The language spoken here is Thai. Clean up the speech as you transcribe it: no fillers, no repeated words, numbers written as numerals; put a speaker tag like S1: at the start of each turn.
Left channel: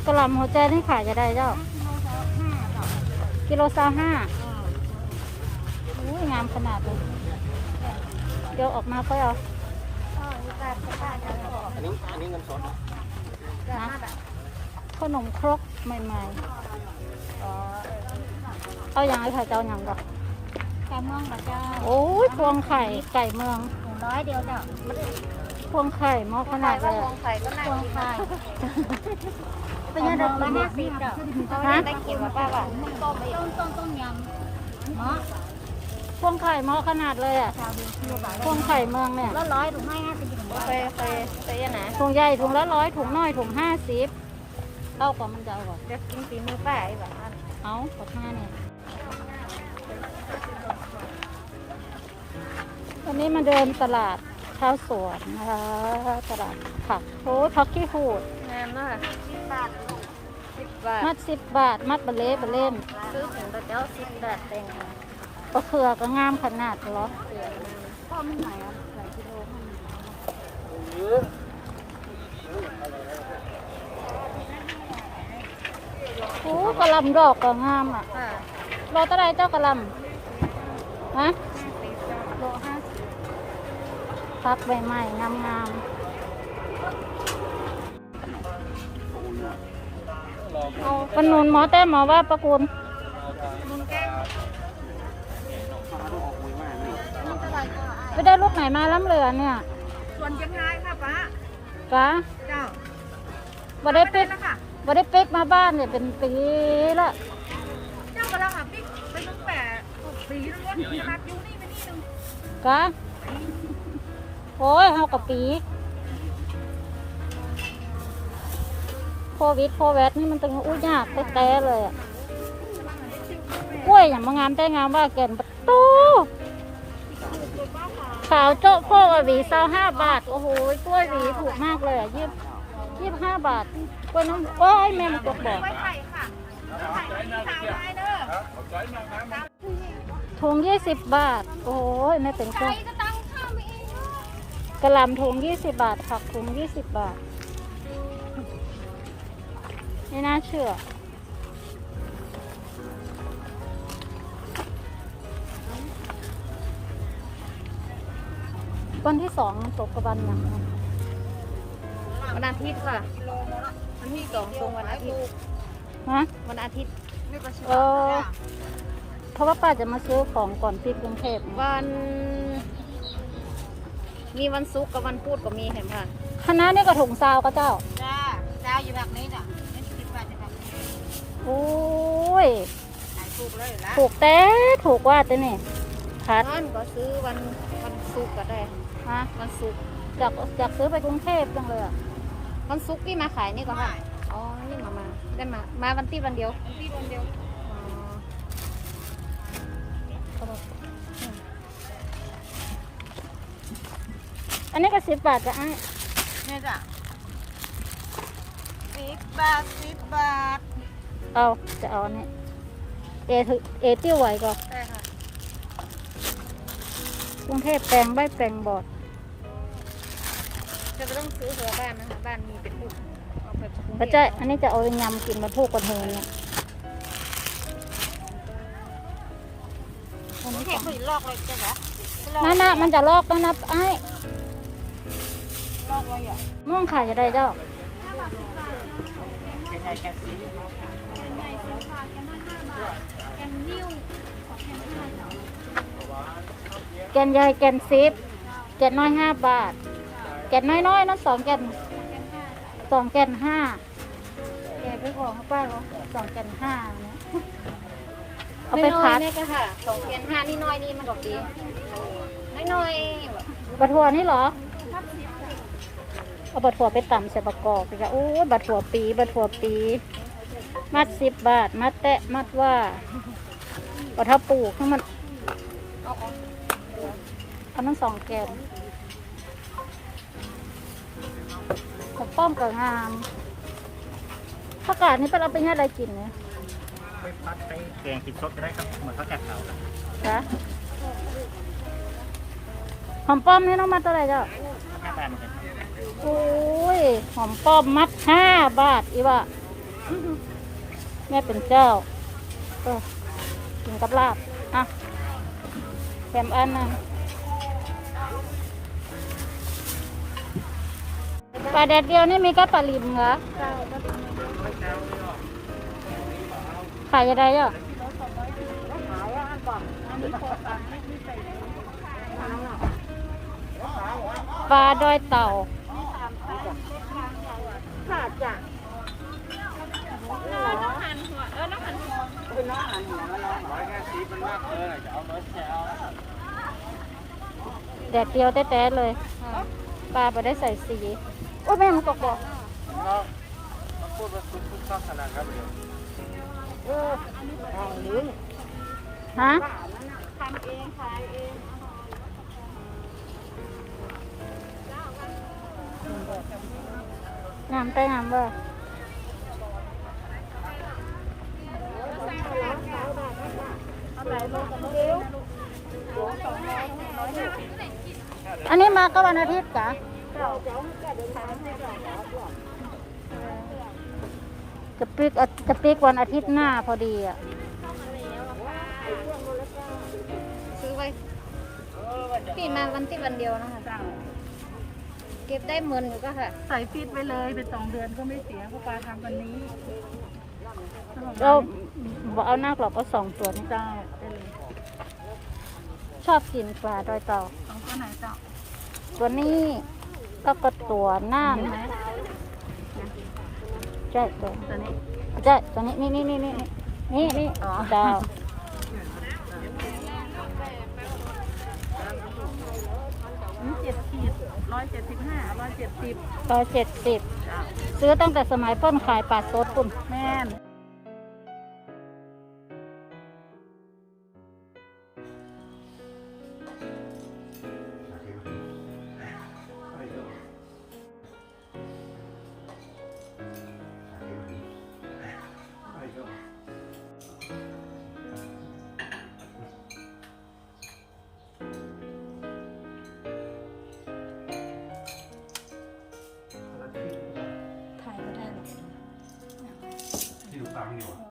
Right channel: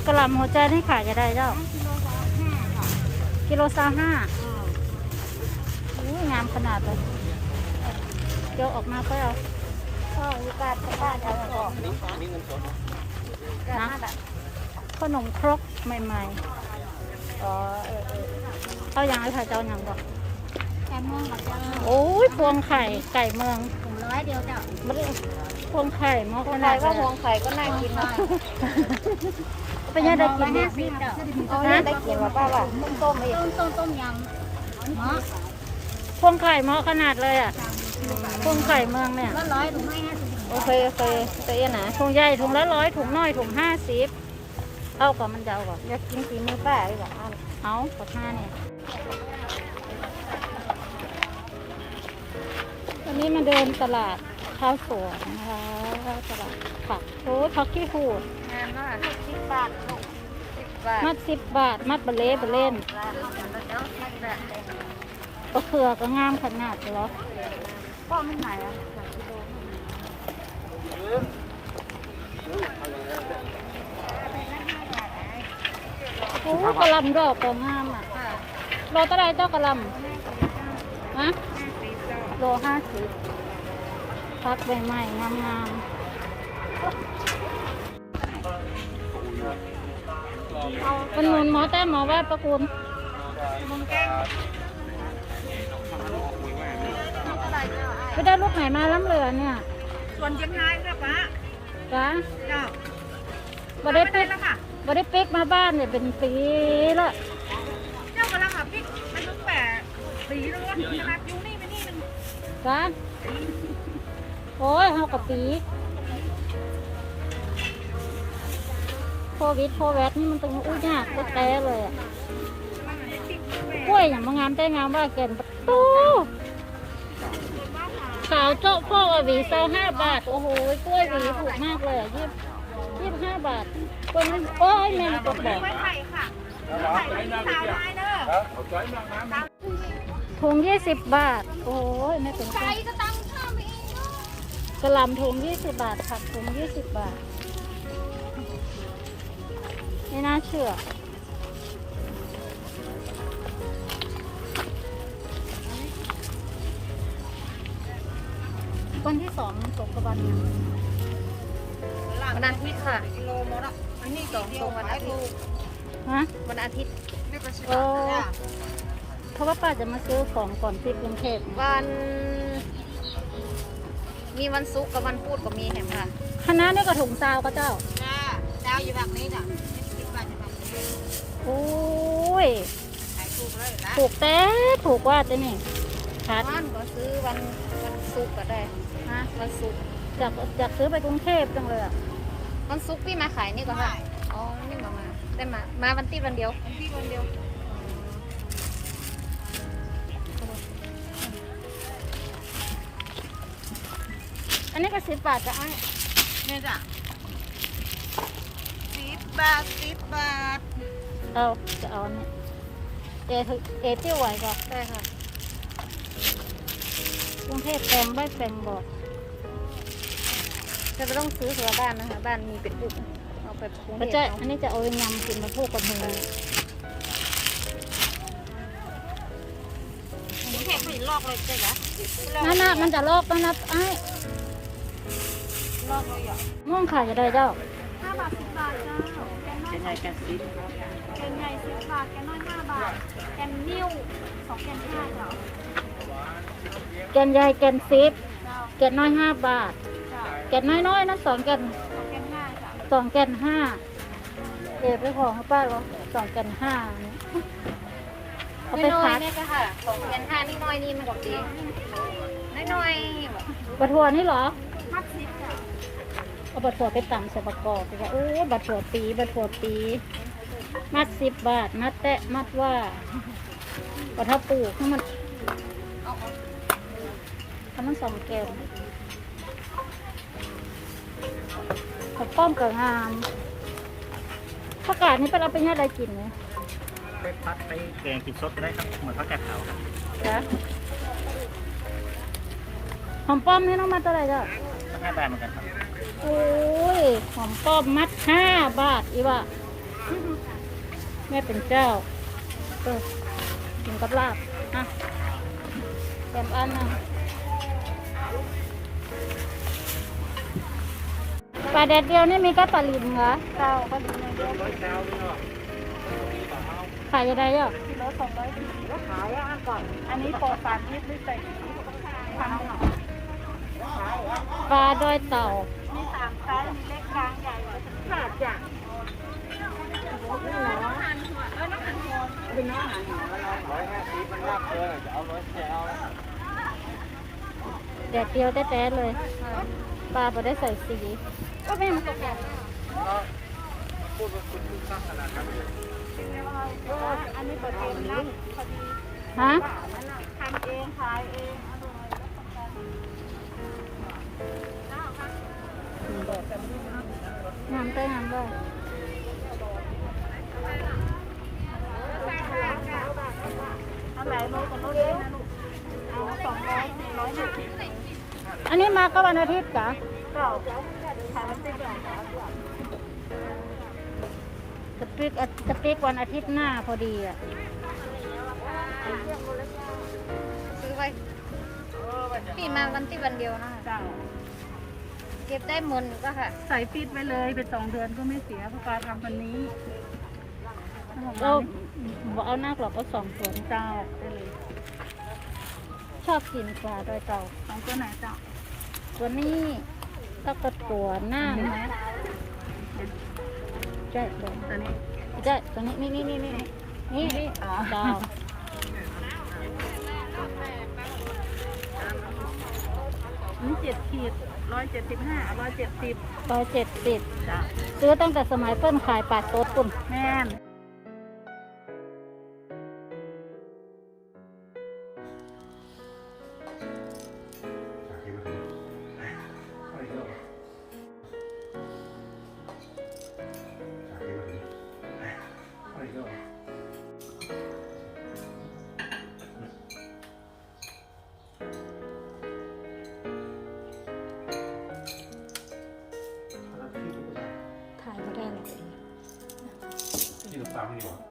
S1: กระหล่ำหัวใจนี่ขายจะได้เจ้า
S2: กิโลละ5จ้ะ
S1: กิโล25งามขนาดเลยเดี๋ยวออกมาก็เอานะขนมครกใหม่ๆเอาอย่างไรค่ะเจ้าอย่างก่อน
S2: ไก่เมืองบัดเจ้า
S1: โอ้ยพวงไข่ไก่เมือง
S2: 100เดียวเจ้า
S1: พวงไข่หม้อขนาดเลย
S2: พวงไข่ก็น่ากิน
S1: เป็นยังไงกินดิฮะ
S2: ได้กินก็ว่าต้มยำหม้อ
S1: พวงไข่หม้อขนาดเลยอ่ะพวงไข่เมืองเนี่ย
S2: ก็100ถุงให้50โอเคแต่ยังไง
S1: ถุงใหญ่ถุงละ100ถุงน้อยถุง50เอาก่อนมันจะเอาก่อน
S2: อยากกินฝีมือป้าอีกแบบ
S1: เอาปาก5เนี่ยวันนี้มาเดินตลาดชาวสวนนะคะตลาดผักโอ้ผักขี้หูด
S2: งามมาก10 บาท
S1: มัด10 บาทมัดบะเล่บะเล่น
S2: ซื้อถึงเจ้าไม่ได้แต่ง
S1: ปลาเขือก็งามขนาดเหรอ
S2: ก็ไม่ไหนอ่ะ2 กิโล
S1: โอ้กระลำดอกก็งามอ่ะโลเท่าไรเจ้ากระลำฮะโล50พักใบใหม่งามปนุนหมอแต้หมอว่าประกุลไปได้ลูกไหนมาล้ำเหลือเนี่ย
S2: ส่วนยังไงค่ะป้า
S1: ป้า
S2: เจ้า
S1: บ่ได้ปิ๊กมาบ้านเนี่ยเป็นปีละ
S2: เจ้ากำลังปิ๊กไปตั้งแต่ปีแล้วขนาดอยู่นี่ไปนี่นึง
S1: ป้าโอ้ยเฮากับปีโควิดนี่มันตึงอุ้ยยากแต้เลยอ่ะกล้วยอย่างมางามแต่งามว่าแก่นประตูขาวโจ๊ะโคกหวี25 บาทโอ้โหกล้วยหวีถูกมากเลยอ่ะ25 บาทกล้วยน้ำโอ้ยแม่มันกดบอกถุง20 บาทโอ้ยไม่เป็นไรกระหล่ำถุง20 บาทผักถุง20 บาทไม่น่าเชื่อวันที่2มันตกกระบันอย่างนั้น
S2: มันอาทิตย์ค่ะกิโลหมดอ่ะมันมี2ทรงวันอาทิตย์
S1: ฮะ
S2: มันอาทิตย์ไม่ประชด
S1: เพราะว่าป้าจะมาซื้อของก่อนที่กรุงเทพ
S2: วันมีวันศุกร์กับวันพุธก็มีเห็นป่ะ
S1: คณะนี่ก็ถุงซาวก็เจ้า
S2: ซาวอยู่แบบนี้จ้ะไม่10 บาทจะแบบ
S1: โอ้ย
S2: ขายถูกเลยละ
S1: ถูกแต่ถูกว่าแต่นี่พัด
S2: ก็ซื้อวันศุกร์ก็ได้
S1: ฮะ
S2: วันศุกร์
S1: อยากซื้อไปกรุงเทพจังเลยอ่ะ
S2: วันศุกร์พี่มาขายนี่ก็ได้อ๋อนี่มาได้มาวันที่วันเดียว
S1: อันนี้ก็10 บาทจะให้
S2: เนี่ยจ้ะ10 บาท
S1: จะเอาเนี่ยเอติ้วไหวก็
S2: ได้ค่ะ
S1: กรุงเทพแปลงใบแปลงบอด
S2: จะไม่ต้องซื้อหัวบ้านนะคะบ้านมีเป็นลูกเอาไปกรุงเทพ
S1: ก็จะอันนี้จะเอายำกินมาพูกกระเทงเนี่ย
S2: อันนี้แค่ลอกเลยใช่เหรอ
S1: มันจะลอกแล้วนะไอ้
S2: ลอกเลยอ่ะ
S1: ม่วงขายจะได้เจ้า
S2: 5 บาท 10 บาทแกนใหญ่10 บาทแกนน้อย5 บาทแกนนิ้ว2 แกน5เจ้า
S1: แกนใหญ่แกน10แกนน้อย5 บาทแกนน้อยๆนั้น2 แกน2 แกน5ไปของป้าเหรอ2 แกน5เนี่ยเอาไปพัด
S2: นี่ก็ค่ะ2 แกน5นี่น้อยนี่มันก็ดีน้อย
S1: บะถั่วนี่เหรอ
S2: มัด10จ้ะ
S1: เอาบะถั่วไปตำใส่ประกอบไปกันโอ้บะถั่วปีมัด10 บาทมัดแตะมัดว่าบะถ้าปลูกให้มันเอาทั้ง2 แกนขอบป้อมกับงามผักกาดนี่เป็นเอาไปอะไรกินเนี่ย
S3: ไปพัดไปแกงกินสดก็ได้ครับเหมือนผักกาดขาวครับ
S1: จ้ะหอมป้อมนี่น้องมาเท่าไหร่จ้ะ
S3: 5 บาทเหมือนกันครับ
S1: โอ้ยหอมป้อมมัด5 บาทอีวะแม่เป็นเจ้าเออกินกับลาบอ่ะแถมอันนะปลาแดดเดียวนี่มีแค่ปลาลิมเหรอ
S2: เจ้าก็ดีนะเยอะ
S1: ขายยังไงอ่ะ
S2: กิโล240ขายอันก่อน อันนี้ปลอดสารพิษไม่ใส่ทำหน่อย
S1: ปลาดอยเต่า
S2: มี3ไซส์มีเล็กกลางใหญ่แค่จ้ะ
S1: แดดเดียวแต้ๆเลย ปลาไปได้ใส่สีโอ้แม่มันตกแดด
S2: อันนี้ตัวเองนะพอดี
S1: ฮะ
S2: ทำเองขายเองอร่อย
S1: งามไปงามว่า
S2: เอาหลายโลกับโลเล็กนะลูกโล2โล120
S1: อันนี้มาก็วันอาทิตย์กะ
S2: เจ้าขายมันติดอย่าง
S1: จะปีกวันอาทิตย์หน้าพอดีอ่ะ
S4: ซื้อไว้พี่มาวันที่วันเดียวนะคะ
S2: เจ้า
S4: เก็บได้หมดอยู่ก็ค่ะ
S2: ใส่ฟีดไว้เลยเป็น2 เดือนก็ไม่เสียเพราะปลาทำวันนี้
S1: ก็บอกเอาหน้าหรอกก็2 ตัวนี้
S2: เจ้าได้เลย
S1: ชอบกินปลาดอยเต่า
S2: 2 ตัวไหนเจ้า
S1: ตัวนี้แล้วก็ตัวน่าน
S2: ไหม
S1: ใช่ตัว
S2: ตัวนี้
S1: ใช่ตัวนี้นี่
S2: อ๋อ
S1: ดาว
S2: อันนี้7 ขีด175 170
S1: 170
S2: เจ้า
S1: ซื้อตั้งแต่สมัยเพิ่นขายปลาสดปุ่น
S2: แม่น